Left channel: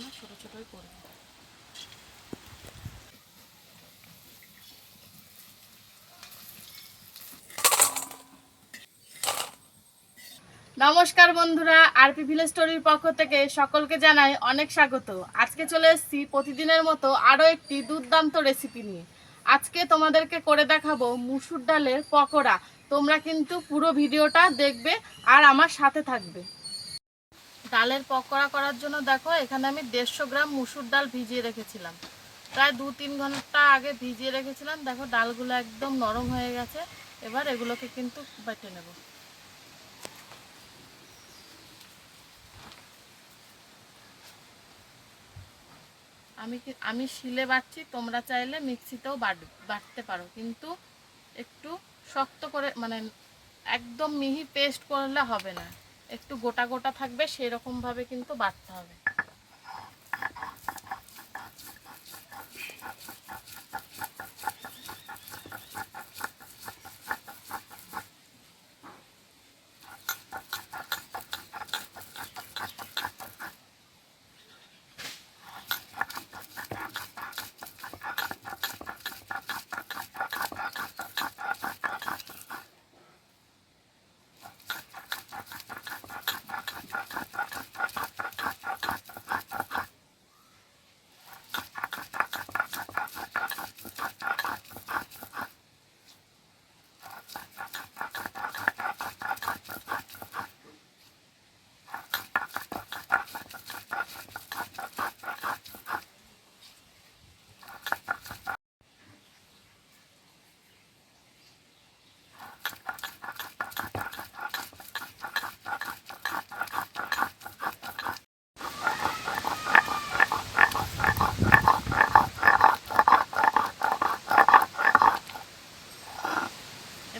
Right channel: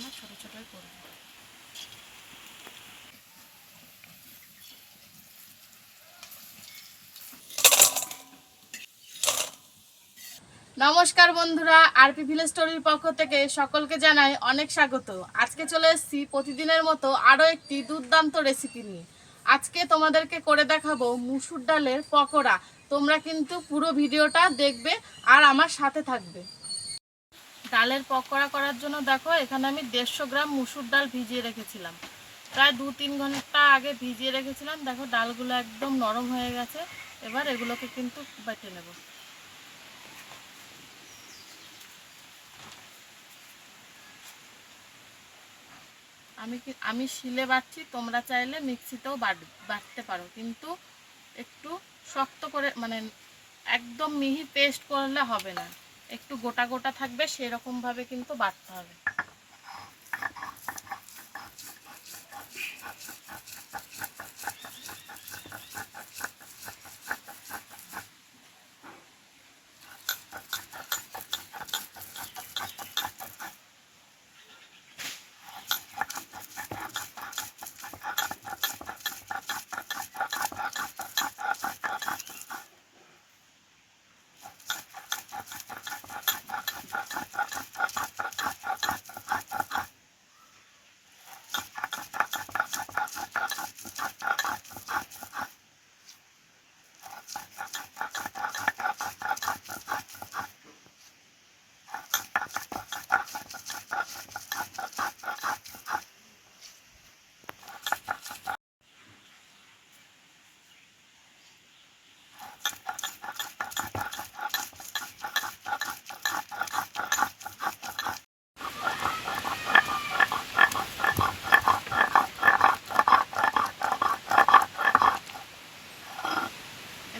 না, ছোটো ছোটোই করব। নমস্কার বন্ধুরা, আরপি ভিলেজ স্টোরির পক্ষ থেকে সকলকে জানাই অনেক স্বাগত। আজকে চলে এসেছি প্রতিদিনের মতো আরও একটি দুর্দান্ত রেসিপি নিয়ে। আজকে তোমাদেরকে করে দেখাবো মুসুর ডালের পকোড়া। তোমরা কিন্তু পুরো ভিডিওটা দেখবে আর আমার সাথে থাকবে। ডালের পকোড়া করার জন্য দেখো, এখানে আমি 150 গ্রাম মুসুর ডাল ভিজিয়ে রেখেছিলাম। প্রায় 2-3 ঘন্টা আগে ভিজিয়ে রেখেছিলাম। দেখো ডালগুলো একদম নরম হয়ে গেছে। এবার এগুলোকে কিন্তু বেটে নেব। আমি শিলে বাটছি, তোমরা চাইলে মিক্সিতেও বাটতে পারো, কিন্তু একটু শক্ত করে, মানে একদম মিহি পেস্ট করলে হবে না, একটু গোটা গোটা থাকবে, সেরকমভাবে কিন্তু বাটতে হবে।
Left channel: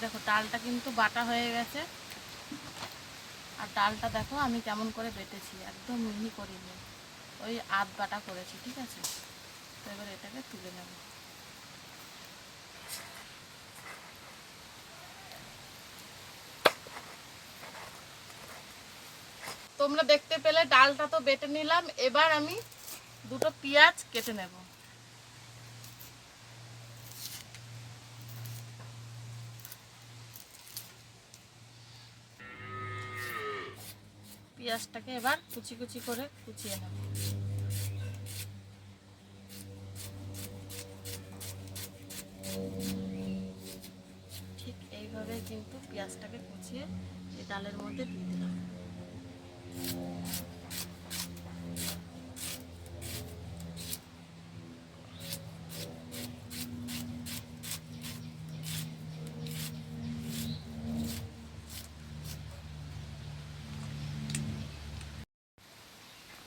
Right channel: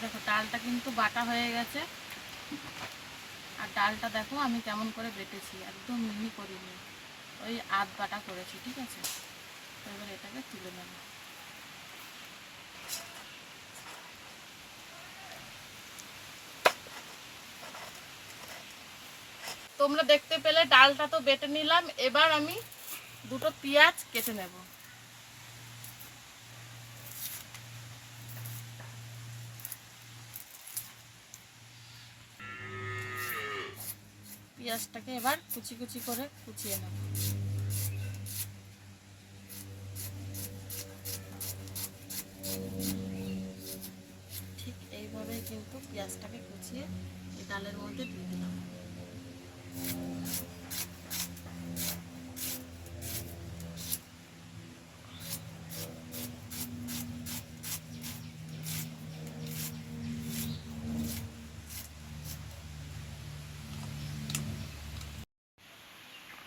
দেখো ডালটা কিন্তু বাটা হয়ে গেছে, আর ডালটা দেখো আমি কেমন করে বেটেছি, একদম মিহি করিনি, ওই আধ বাটা করেছি, ঠিক আছে। তো এবার এটাকে তুলে নেব। তোমরা দেখতে পেলে ডালটা তো বেটে নিলাম। এবার আমি দুটো পেঁয়াজ কেটে নেব। পেঁয়াজটাকে এবার কুচি কুচি করে কুচিয়ে নেব। ঠিক এইভাবে কিন্তু পেঁয়াজটাকে কুচিয়ে এই ডালের মধ্যে দিয়ে দিলাম।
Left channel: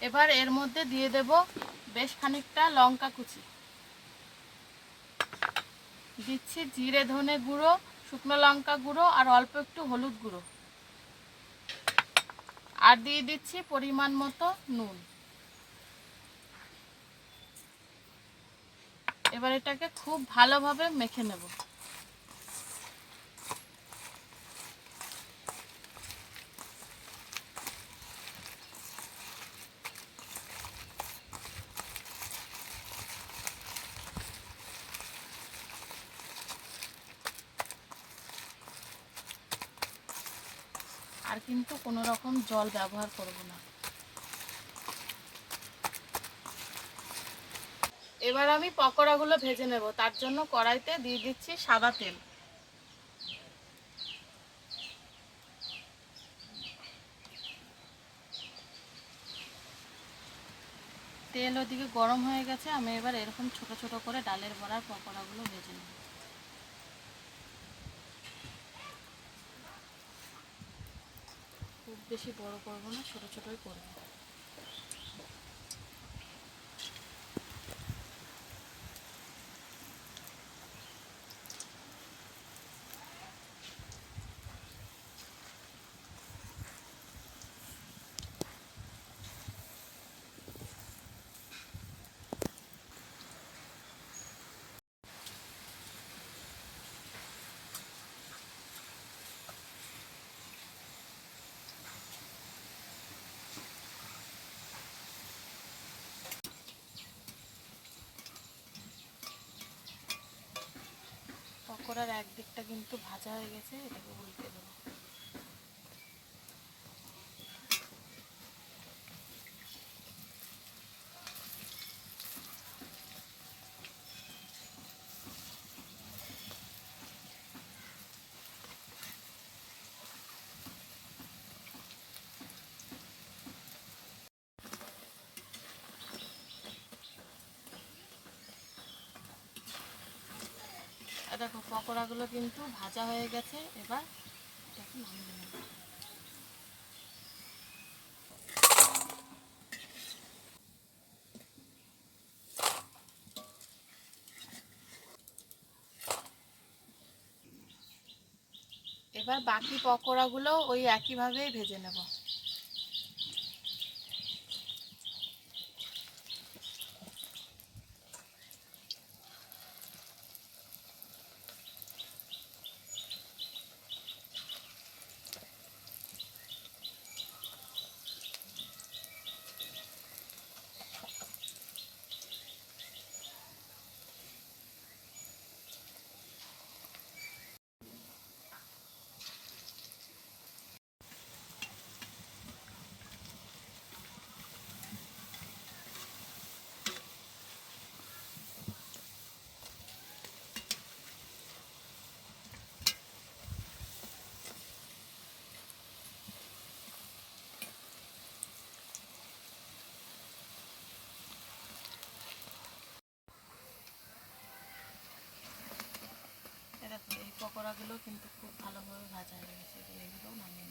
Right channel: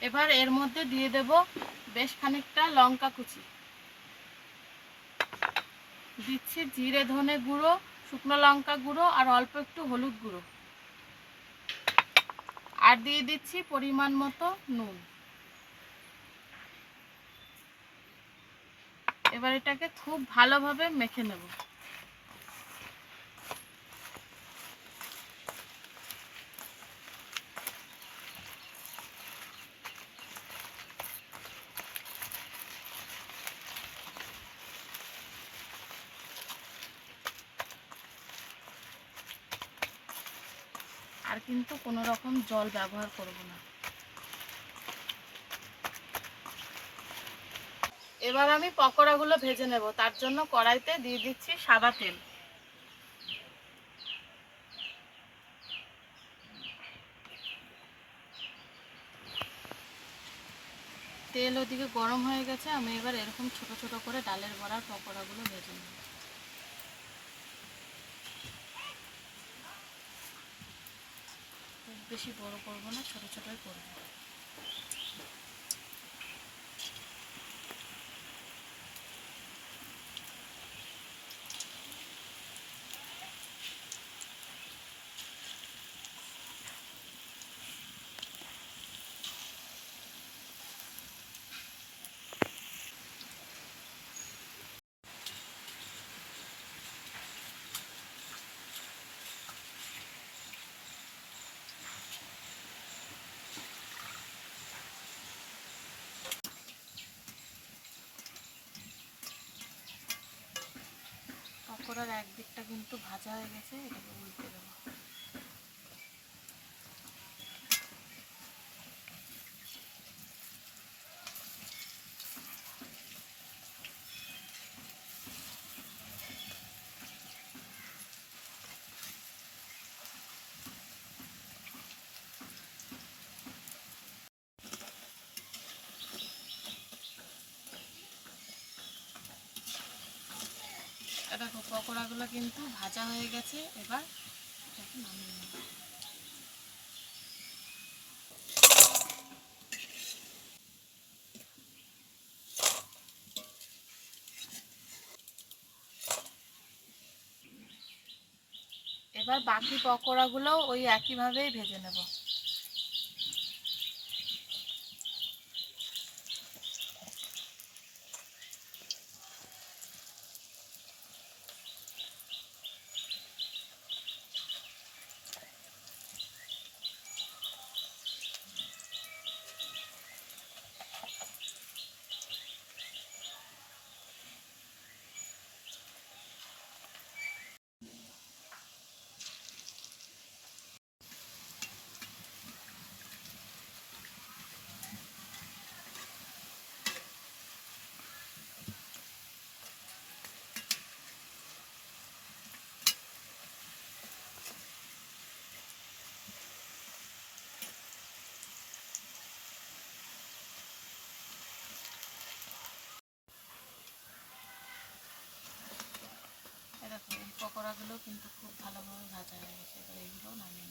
এবার এর মধ্যে দিয়ে দেব বেশ খানিকটা লঙ্কা কুচি, দিচ্ছি জিরে ধনে গুঁড়ো, শুকনো লঙ্কা গুঁড়ো আর অল্প একটু হলুদ গুঁড়ো, আর দিয়ে দিচ্ছি পরিমাণ মতো নুন। এবার এটাকে খুব ভালোভাবে মেখে নেব। আর কিন্তু কোনো রকম জল ব্যবহার করব না। এবার আমি পকোড়াগুলো ভেজে নেব। তার জন্য কড়াইতে দিয়ে দিচ্ছি সাদা তেল। তেল ওদিকে গরম হয়ে গেছে, আমি এবার এরকম ছোট ছোট করে ডালের বড়ার পকোড়াগুলো ভেজে নেব। খুব বেশি বড় করবো না, ছোট ছোটই করবো। পকোড়ার একদিকটা কিন্তু ভাজা হয়ে গেছে, এটাকে উল্টে দেবো। দেখো পকোড়াগুলো কিন্তু ভাজা হয়ে গেছে, এবার এটাকে নামিয়ে নেব। এবার বাকি পকোড়াগুলো ওই একইভাবেই ভেজে নেব। দেখো এই পকোড়াগুলো কিন্তু খুব ভালোভাবে ভাজা হয়ে গেছে, এবার এইগুলো নামিয়ে নেব।